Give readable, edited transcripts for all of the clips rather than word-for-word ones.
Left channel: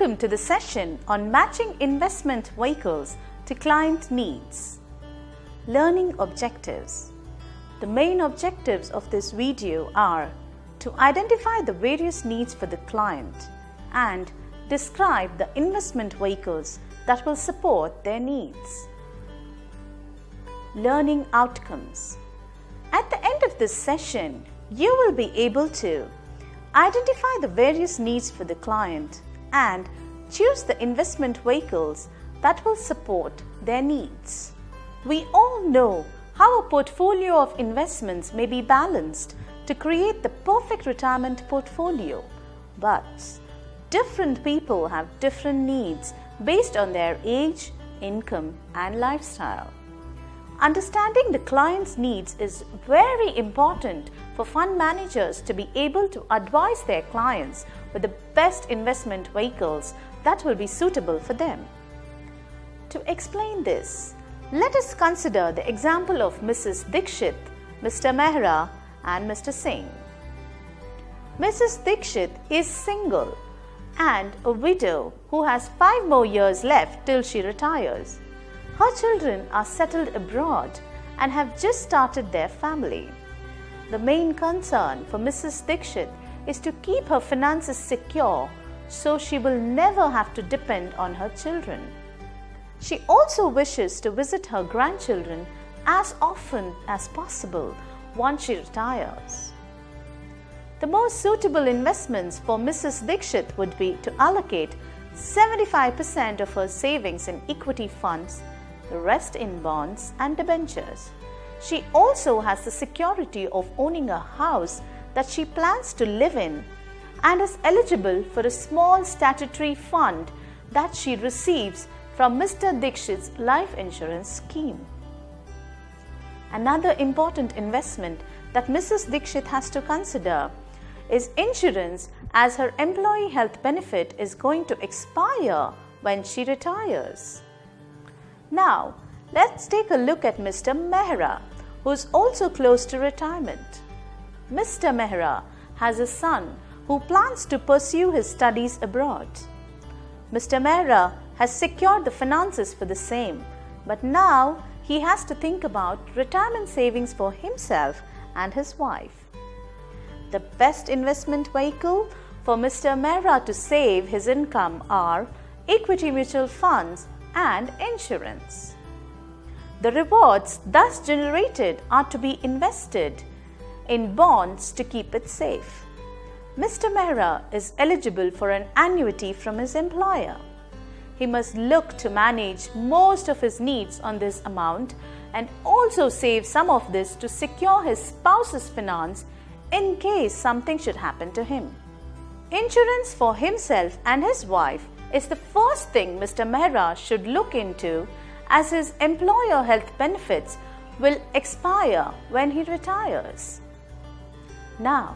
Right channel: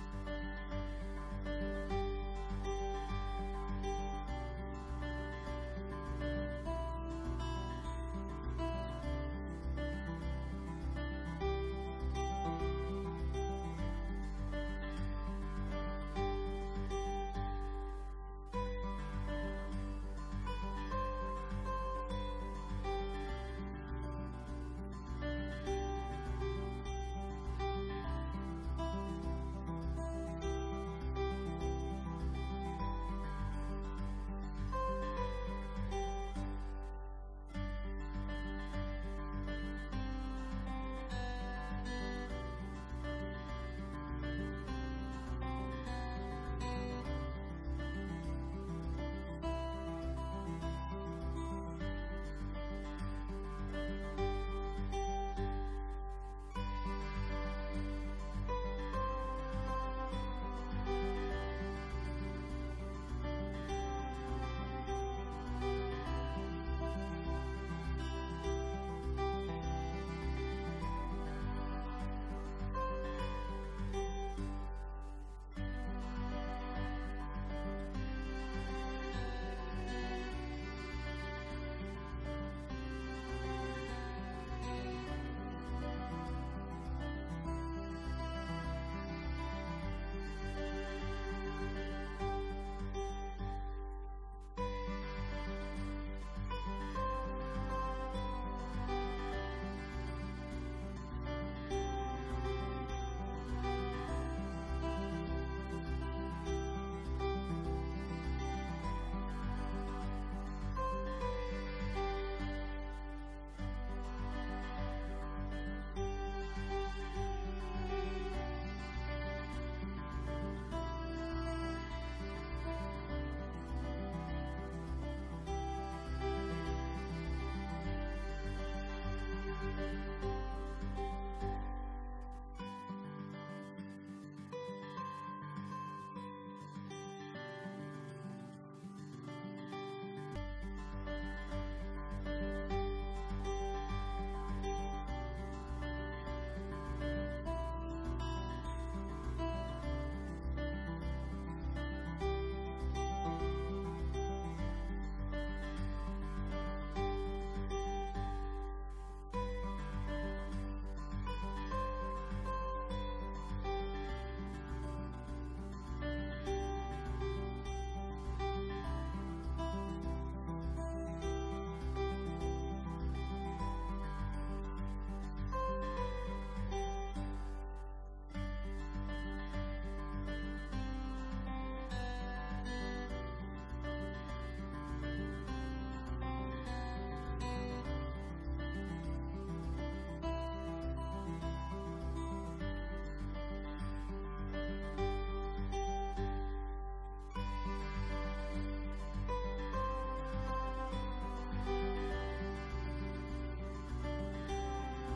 Welcome to the session on matching investment vehicles to client needs. Learning objectives. The main objectives of this video are to identify the various needs for the client and describe the investment vehicles that will support their needs. Learning outcomes. At the end of this session, you will be able to identify the various needs for the client and choose the investment vehicles that will support their needs. We all know how a portfolio of investments may be balanced to create the perfect retirement portfolio, but different people have different needs based on their age, income, and lifestyle. Understanding the client's needs is very important for fund managers to be able to advise their clients with the best investment vehicles that will be suitable for them. To explain this, let us consider the example of Mrs. Dixit, Mr. Mehra, and Mr. Singh. Mrs. Dixit is single and a widow who has 5 more years left till she retires. Her children are settled abroad and have just started their family. The main concern for Mrs. Dixit is to keep her finances secure so she will never have to depend on her children. She also wishes to visit her grandchildren as often as possible once she retires. The most suitable investments for Mrs. Dixit would be to allocate 75% of her savings in equity funds, the rest in bonds and debentures. She also has the security of owning a house that she plans to live in and is eligible for a small statutory fund that she receives from Mr. Dixit's life insurance scheme. Another important investment that Mrs. Dixit has to consider is insurance, as her employee health benefit is going to expire when she retires. Now, let's take a look at Mr. Mehra, who is also close to retirement. Mr. Mehra has a son who plans to pursue his studies abroad. Mr. Mehra has secured the finances for the same, but now he has to think about retirement savings for himself and his wife. The best investment vehicle for Mr. Mehra to save his income are equity mutual funds and insurance. The rewards thus generated are to be invested in bonds to keep it safe. Mr. Mehra is eligible for an annuity from his employer. He must look to manage most of his needs on this amount and also save some of this to secure his spouse's finance in case something should happen to him. Insurance for himself and his wife is the first thing Mr. Mehra should look into, as his employer health benefits will expire when he retires. Now,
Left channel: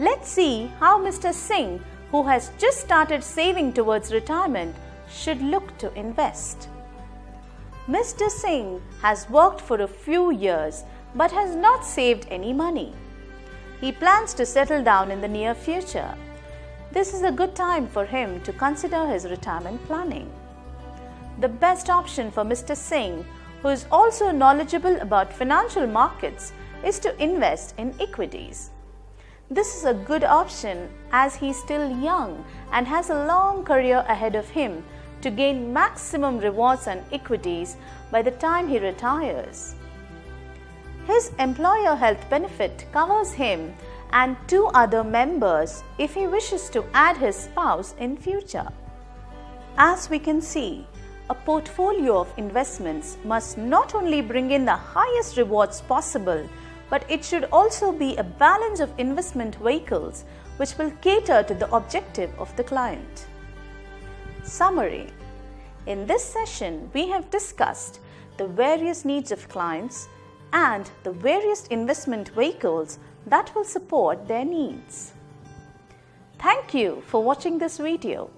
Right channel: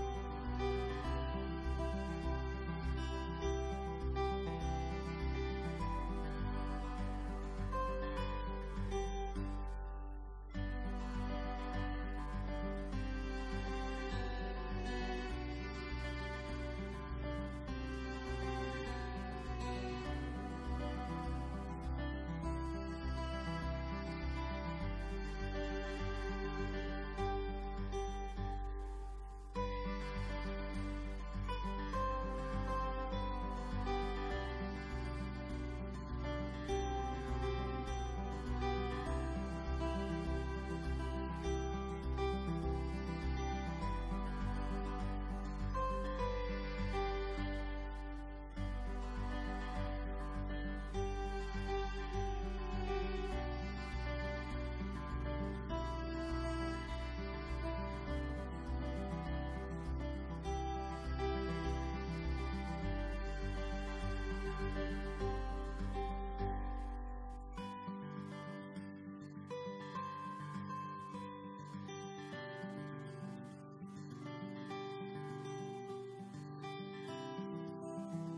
let's see how Mr. Singh, who has just started saving towards retirement, should look to invest. Mr. Singh has worked for a few years but has not saved any money. He plans to settle down in the near future. This is a good time for him to consider his retirement planning. The best option for Mr. Singh, who is also knowledgeable about financial markets, is to invest in equities. This is a good option as he is still young and has a long career ahead of him to gain maximum rewards on equities by the time he retires. His employer health benefit covers him and 2 other members if he wishes to add his spouse in future. As we can see, a portfolio of investments must not only bring in the highest rewards possible, but it should also be a balance of investment vehicles which will cater to the objective of the client. Summary. In this session, we have discussed the various needs of clients and the various investment vehicles that will support their needs. Thank you for watching this video.